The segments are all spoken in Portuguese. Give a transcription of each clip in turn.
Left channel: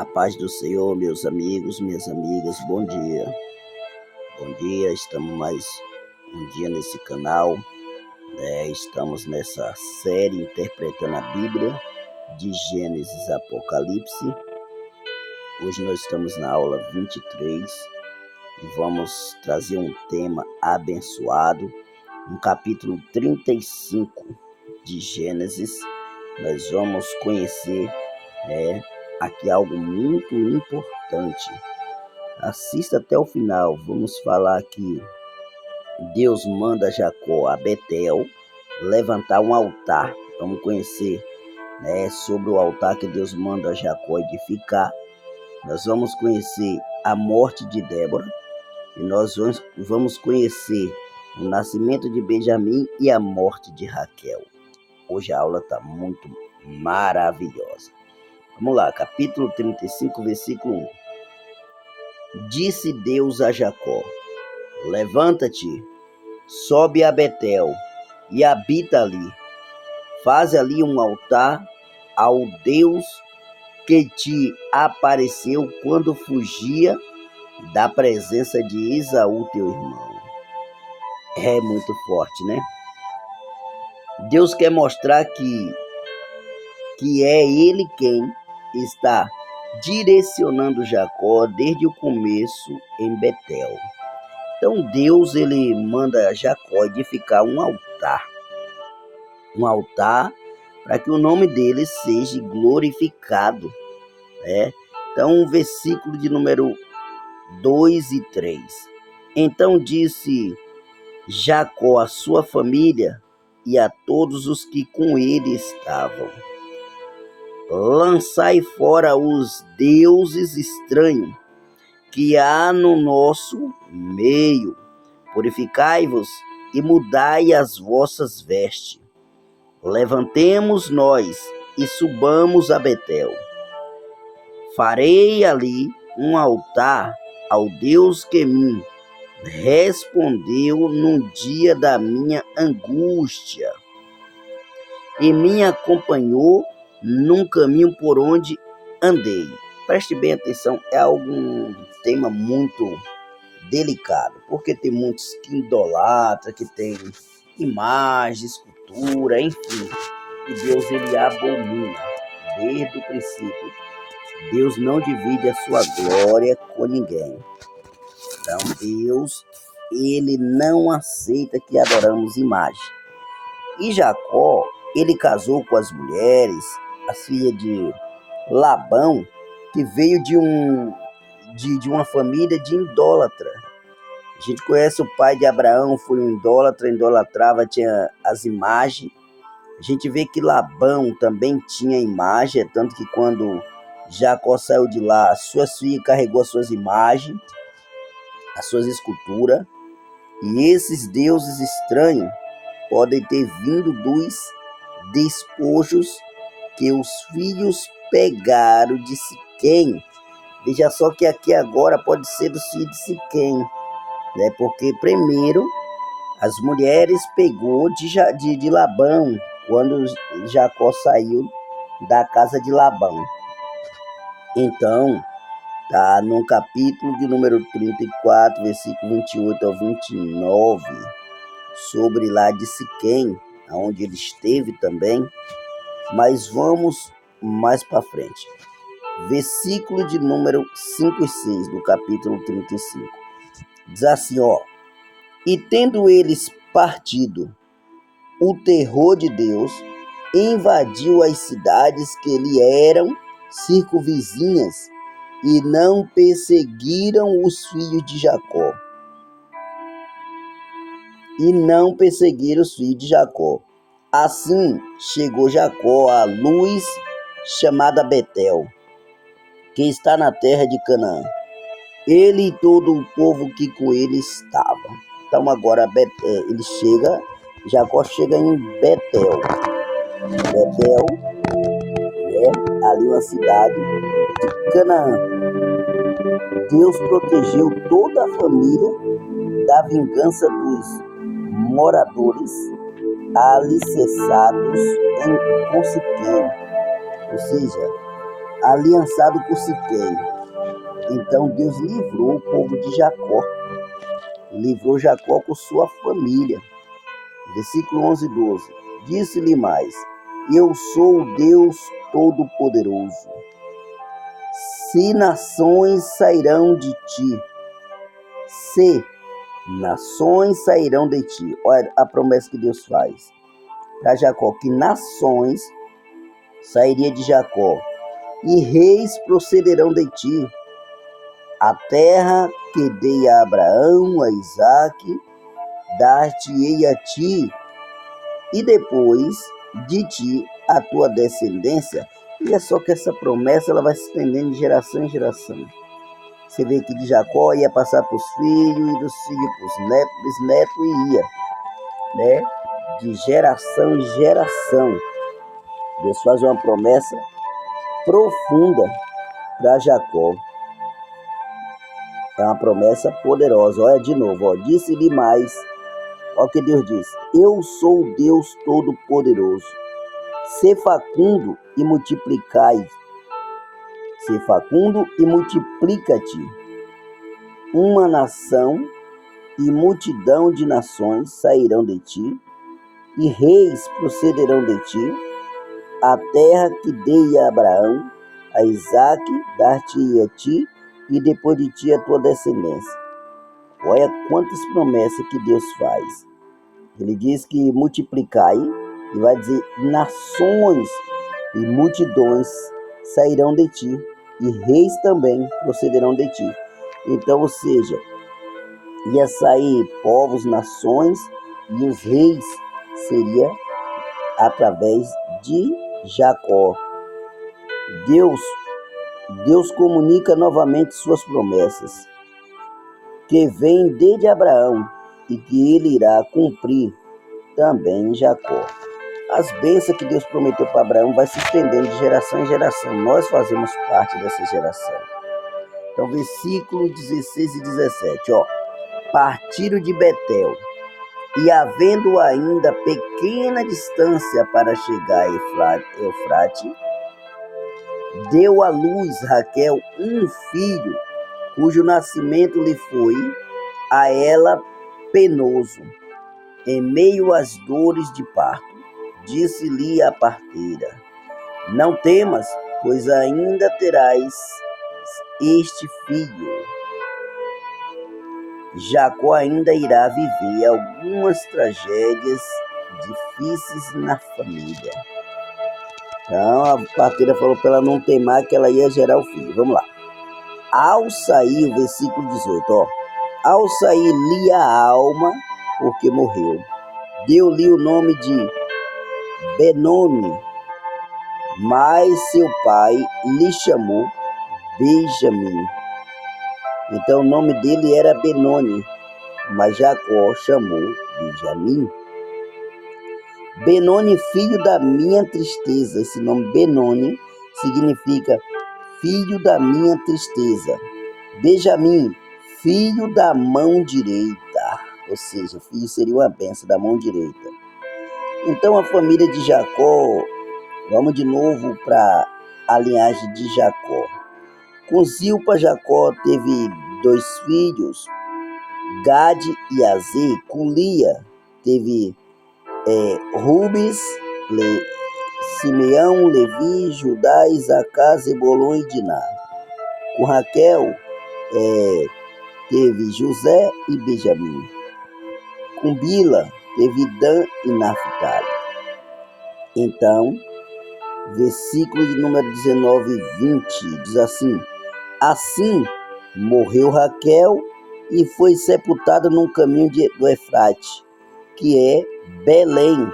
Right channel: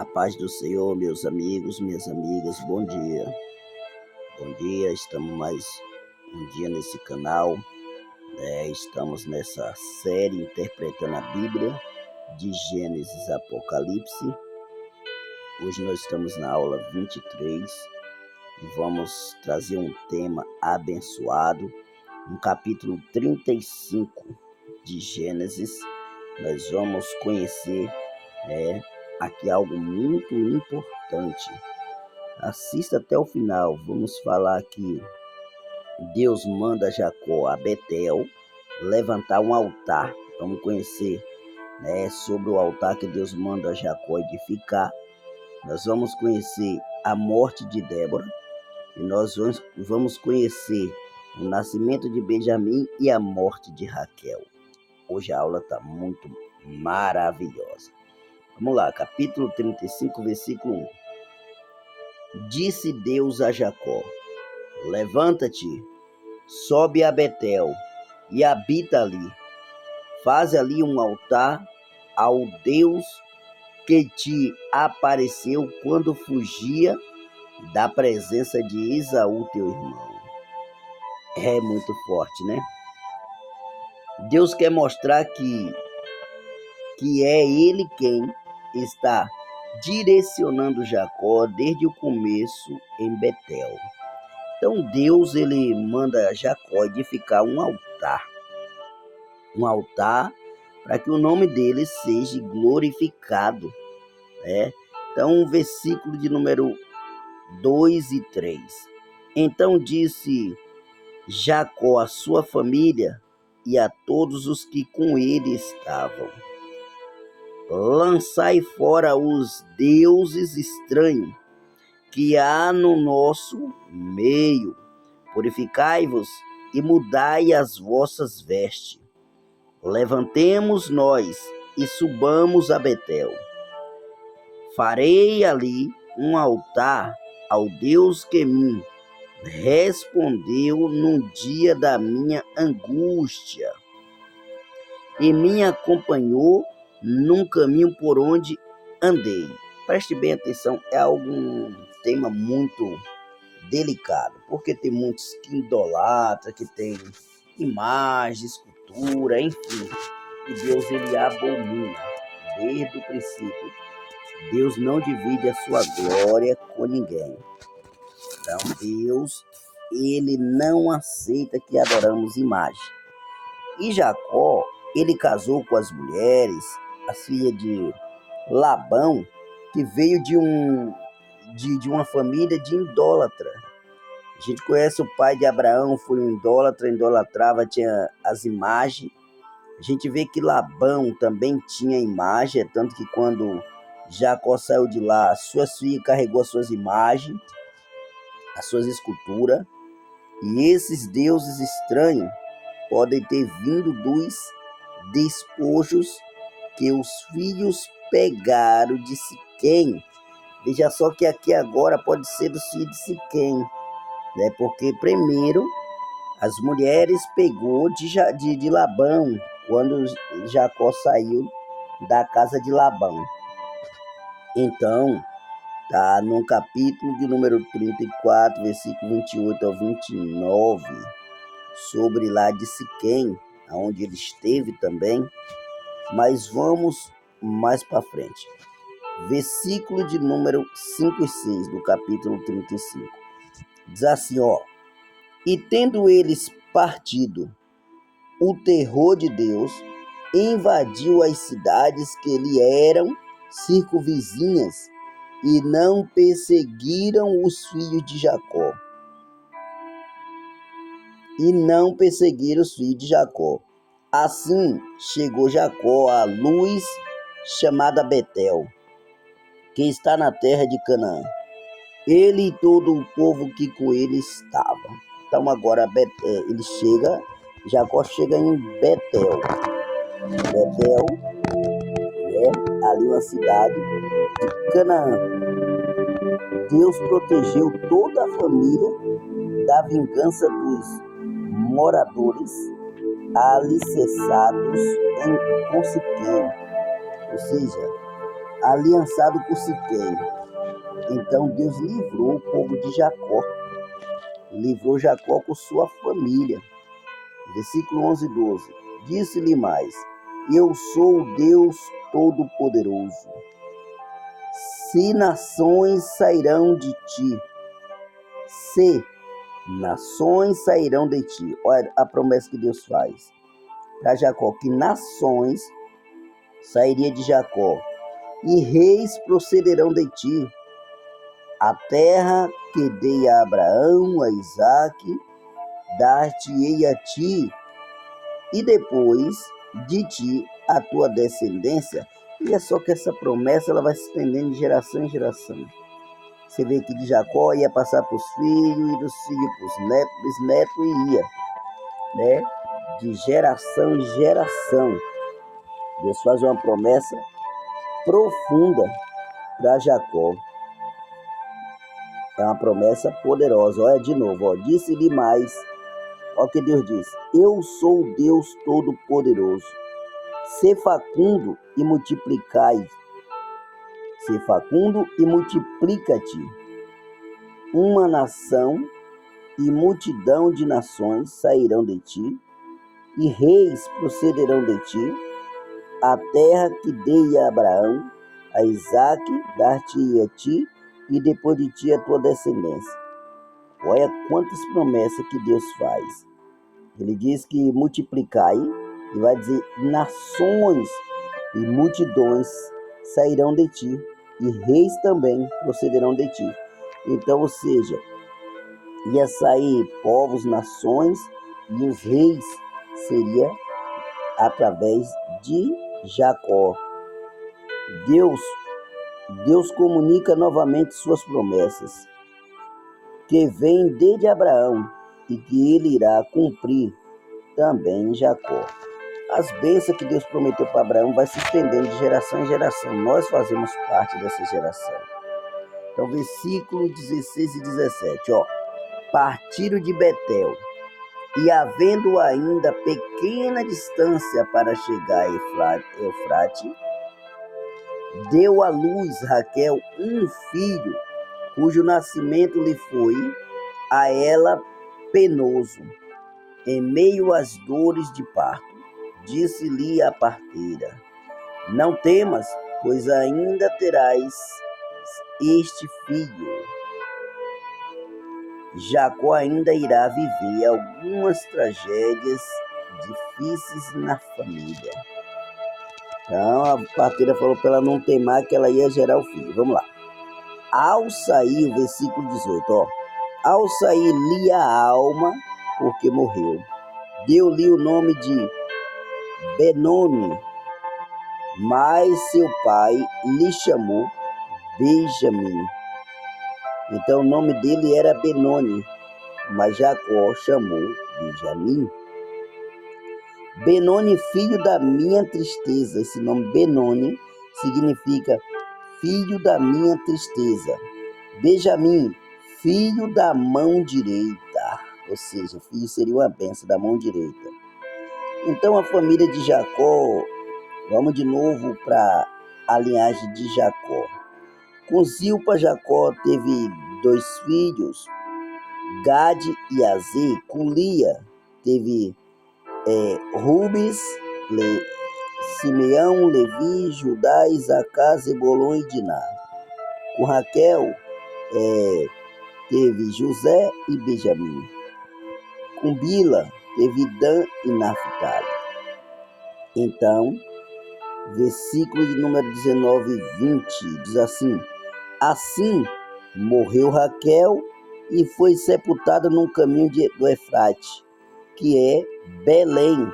A paz do Senhor, meus amigos, minhas amigas, bom dia. Bom dia, estamos mais um dia nesse canal, Estamos nessa série interpretando a Bíblia, de Gênesis a Apocalipse. Hoje nós estamos na aula 23 e vamos trazer um tema abençoado, no capítulo 35 de Gênesis. Nós vamos conhecer aqui algo muito importante. Assista até o final. Vamos falar que Deus manda Jacó a Betel levantar um altar. Vamos conhecer sobre o altar que Deus manda Jacó edificar. Nós vamos conhecer a morte de Débora e nós vamos conhecer o nascimento de Benjamim e a morte de Raquel. Hoje a aula está muito maravilhosa. Vamos lá, capítulo 35, versículo 1. Disse Deus a Jacó: levanta-te, sobe a Betel e habita ali. Faz ali um altar ao Deus que te apareceu quando fugia da presença de Esaú, teu irmão. É muito forte, né? Deus quer mostrar que é Ele quem está direcionando Jacó desde o começo em Betel. Então Deus ele manda Jacó edificar um altar para que o nome dele seja glorificado, né? Então, versículo de número 2 e 3. Então disse Jacó à sua família e a todos os que com ele estavam: lançai fora os deuses estranhos que há no nosso meio. Purificai-vos e mudai as vossas vestes. Levantemos nós e subamos a Betel. Farei ali um altar ao Deus que me respondeu no dia da minha angústia e me acompanhou num caminho por onde andei. Preste bem atenção, é um tema muito delicado, porque tem muitos que idolatram, que tem imagens, escultura, enfim. E Deus ele abomina desde o princípio. Deus não divide a sua glória com ninguém. Então Deus ele não aceita que adoramos imagem. E Jacó ele casou com as mulheres, as filhas de Labão, que veio de uma família de idólatra. A gente conhece o pai de Abraão, foi um idólatra, idolatrava, tinha as imagens. A gente vê que Labão também tinha imagem, tanto que quando Jacó saiu de lá, suas filhas carregou as suas imagens, as suas esculturas. E esses deuses estranhos podem ter vindo dos despojos que os filhos pegaram de Siquém. Veja só que aqui agora pode ser dos filhos de Siquém, né? Porque primeiro as mulheres pegou de Labão, quando Jacó saiu da casa de Labão. Então, tá no capítulo de número 34, versículo 28 ao 29, sobre lá de Siquém, onde ele esteve também. Mas vamos mais para frente. Versículo de número 5 e 6 do capítulo 35. Diz assim, e tendo eles partido, o terror de Deus invadiu as cidades que lhe eram circunvizinhas e não perseguiram os filhos de Jacó. Assim chegou Jacó à luz chamada Betel, que está na terra de Canaã, ele e todo o povo que com ele estava. Então agora Jacó chega em Betel. Betel é ali uma cidade de Canaã. Deus protegeu toda a família da vingança dos moradores alicerçados em Siquém. Ou seja, aliançado com Siquém. Então Deus livrou o povo de Jacó, livrou Jacó com sua família. Versículo 11 e 12. Disse-lhe mais: eu sou o Deus Todo-Poderoso. Se nações sairão de ti, se nações sairão de ti. Olha a promessa que Deus faz para Jacó, que nações sairia de Jacó e reis procederão de ti. A terra que dei a Abraão, a Isaque, dar-te-ei a ti, e depois de ti a tua descendência. E é só que essa promessa ela vai se estendendo de geração em geração. Você vê que de Jacó ia passar para os filhos, e dos filhos para os netos, bisnetos, e ia, né? De geração em geração. Deus faz uma promessa profunda para Jacó. É uma promessa poderosa. Olha de novo, ó. Disse-lhe mais. Olha o que Deus diz: eu sou o Deus Todo-Poderoso. Sê facundo e multiplicai. Sê facundo e multiplica-te. Uma nação e multidão de nações sairão de ti, e reis procederão de ti. A terra que dei a Abraão, a Isaque, dar-te-ei a ti, e depois de ti a tua descendência. Olha quantas promessas que Deus faz. Ele diz que multiplicai, e vai dizer nações e multidões sairão de ti, e reis também procederão de ti. Então, ou seja, ia sair povos, nações, e os reis seria através de Jacó. Deus comunica novamente suas promessas, que vêm desde Abraão e que ele irá cumprir também em Jacó. As bênçãos que Deus prometeu para Abraão vai se estendendo de geração em geração. Nós fazemos parte dessa geração. Então, versículo 16 e 17, ó. Partiram de Betel, e havendo ainda pequena distância para chegar a Eufrate, deu à luz Raquel um filho, cujo nascimento lhe foi a ela penoso. Em meio às dores de parto, disse-lhe a parteira: não temas, pois ainda terás este filho. Jacó ainda irá viver algumas tragédias difíceis na família. Então a parteira falou para ela não temar, que ela ia gerar o filho. Vamos lá. Ao sair, o versículo 18, ó. Ao sair-lhe a alma, porque morreu, deu-lhe o nome de Benoni, mas seu pai lhe chamou Benjamim. Então o nome dele era Benoni, mas Jacó chamou Benjamim. Benoni, filho da minha tristeza. Esse nome Benoni significa filho da minha tristeza. Benjamim, filho da mão direita. Ou seja, filho seria uma bênção da mão direita. Então a família de Jacó, vamos de novo para a linhagem de Jacó. Com Zilpa, Jacó teve 2 filhos, Gade e Azer. Com Lia teve Rubens, Simeão, Levi, Judá, Isacar, Zebulon e Diná. Com Raquel teve José e Benjamim. Com Bila teve Dan e Naphtali. Então, versículo de número 19 e 20 diz assim: assim morreu Raquel e foi sepultada num caminho do Eufrate, que é Belém.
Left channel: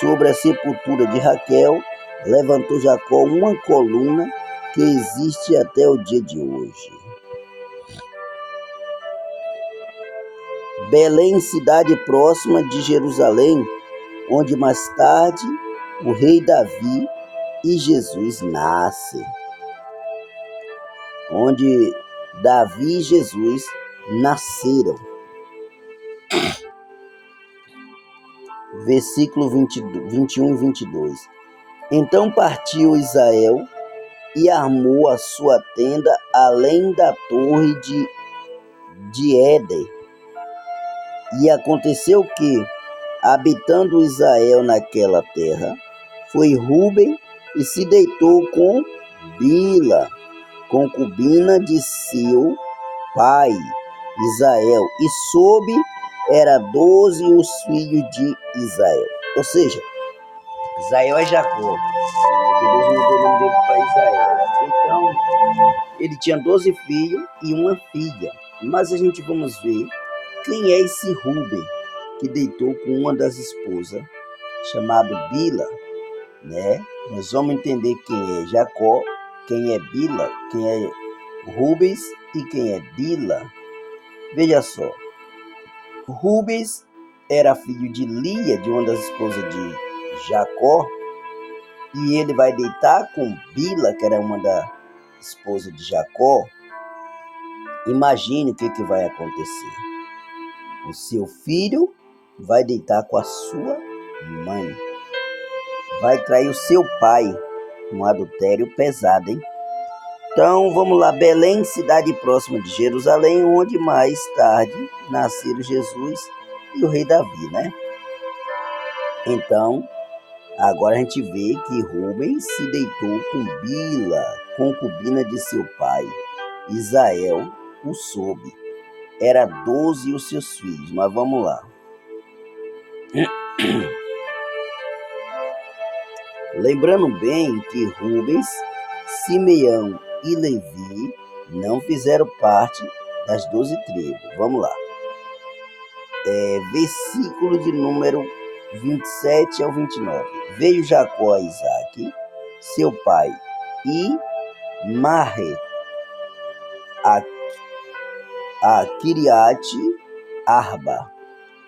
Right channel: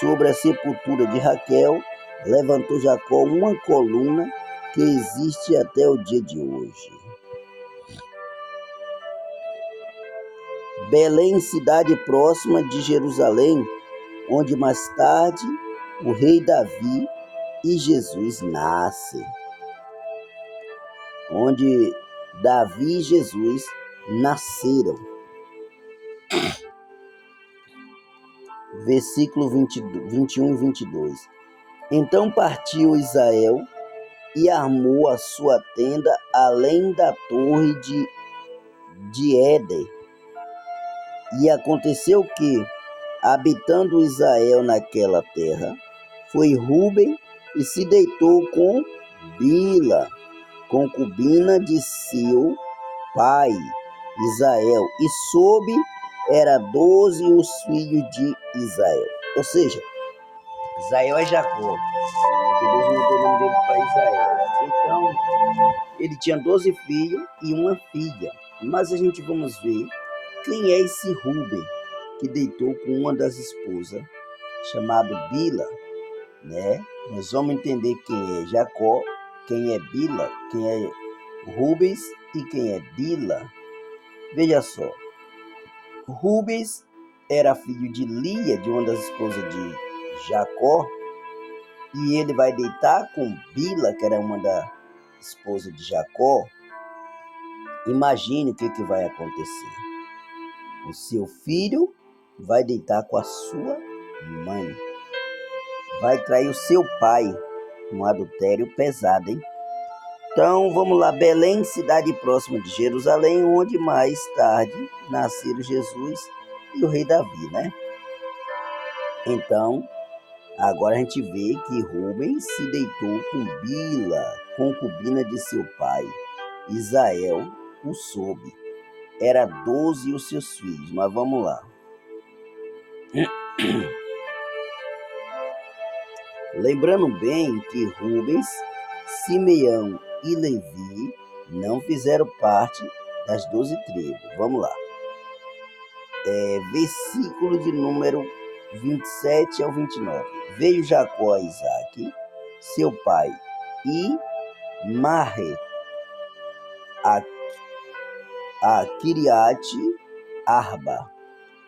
Sobre a sepultura de Raquel, levantou Jacó uma coluna que existe até o dia de hoje. Belém, cidade próxima de Jerusalém, onde mais tarde o rei Davi e Jesus nascem. Onde Davi e Jesus nasceram. Versículo 21 e 22. Então partiu Israel e armou a sua tenda além da torre de Éder. E aconteceu que, habitando Israel naquela terra, foi Ruben e se deitou com Bila, concubina de seu pai Israel, e soube era 12 os filhos de Israel. Ou seja, Israel é Jacó, porque Deus mudou o nome dele para Israel. Então, ele tinha 12 filhos e uma filha. Mas a gente vamos ver quem é esse Ruben que deitou com uma das esposas, chamado Bila, né? Nós vamos entender quem é Jacó, quem é Bila, quem é Rubens e quem é Bila. Veja só, Rubens era filho de Lia, de uma das esposas de Jacó, e ele vai deitar com Bila, que era uma da esposa de Jacó. Imagine o que vai acontecer. O seu filho vai deitar com a sua mãe. Vai trair o seu pai. Um adultério pesado, hein? Então, vamos lá. Belém, cidade próxima de Jerusalém, onde mais tarde nasceram Jesus e o rei Davi, né? Então, agora a gente vê que Rubens se deitou com Bila, concubina de seu pai. Israel o soube. Era 12 os seus filhos, mas vamos lá. Lembrando bem que Rubens, Simeão e Levi não fizeram parte das 12 tribos. Vamos lá. Versículo de número 27 ao 29. Veio Jacó a Isaque, seu pai, e Marre, a Kiriate Arba,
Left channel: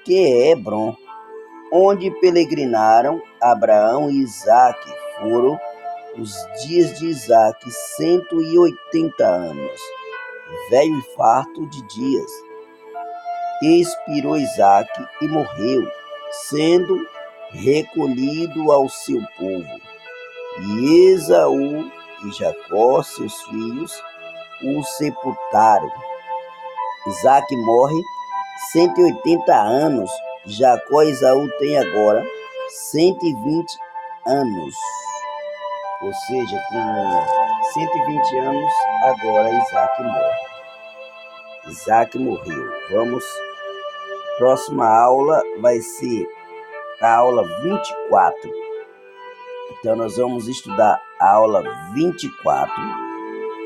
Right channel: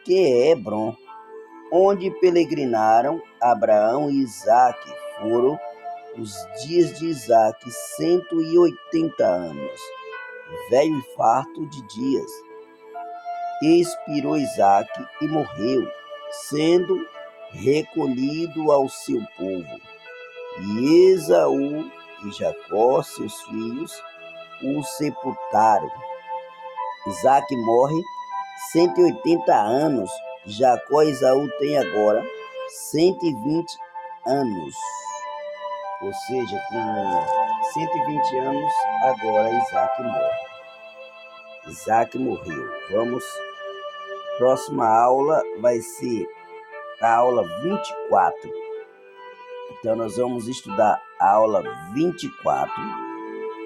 que é Hebron, onde peregrinaram Abraão e Isaque. Foram os dias de Isaque 180 anos, velho e farto de dias. Expirou Isaque e morreu, sendo recolhido ao seu povo. E Esaú e Jacó, seus filhos, o sepultaram. Isaque morre 180 anos. Jacó e Esaú têm agora 120 anos. Ou seja, com 120 anos, agora Isaque morre. Isaque morreu. Vamos. Próxima aula vai ser a aula 24. Então, nós vamos estudar a aula 24.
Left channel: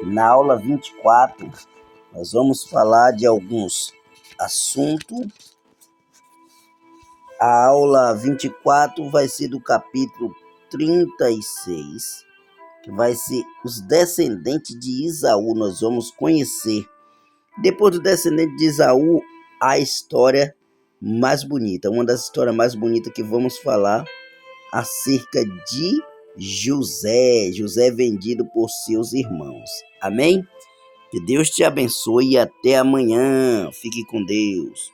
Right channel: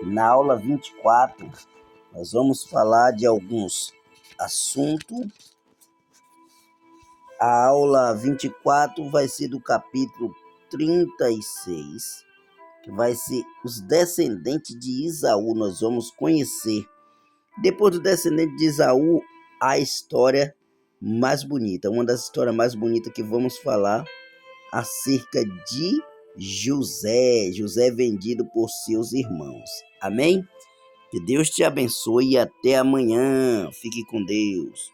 Na aula 24, nós vamos falar de alguns assuntos. A aula 24 vai ser do capítulo 36, que vai ser os descendentes de Esaú. Nós vamos conhecer, depois do descendente de Esaú, a história mais bonita, uma das histórias mais bonitas que vamos falar acerca de José vendido por seus irmãos. Amém? Que Deus te abençoe e até amanhã. Fique com Deus.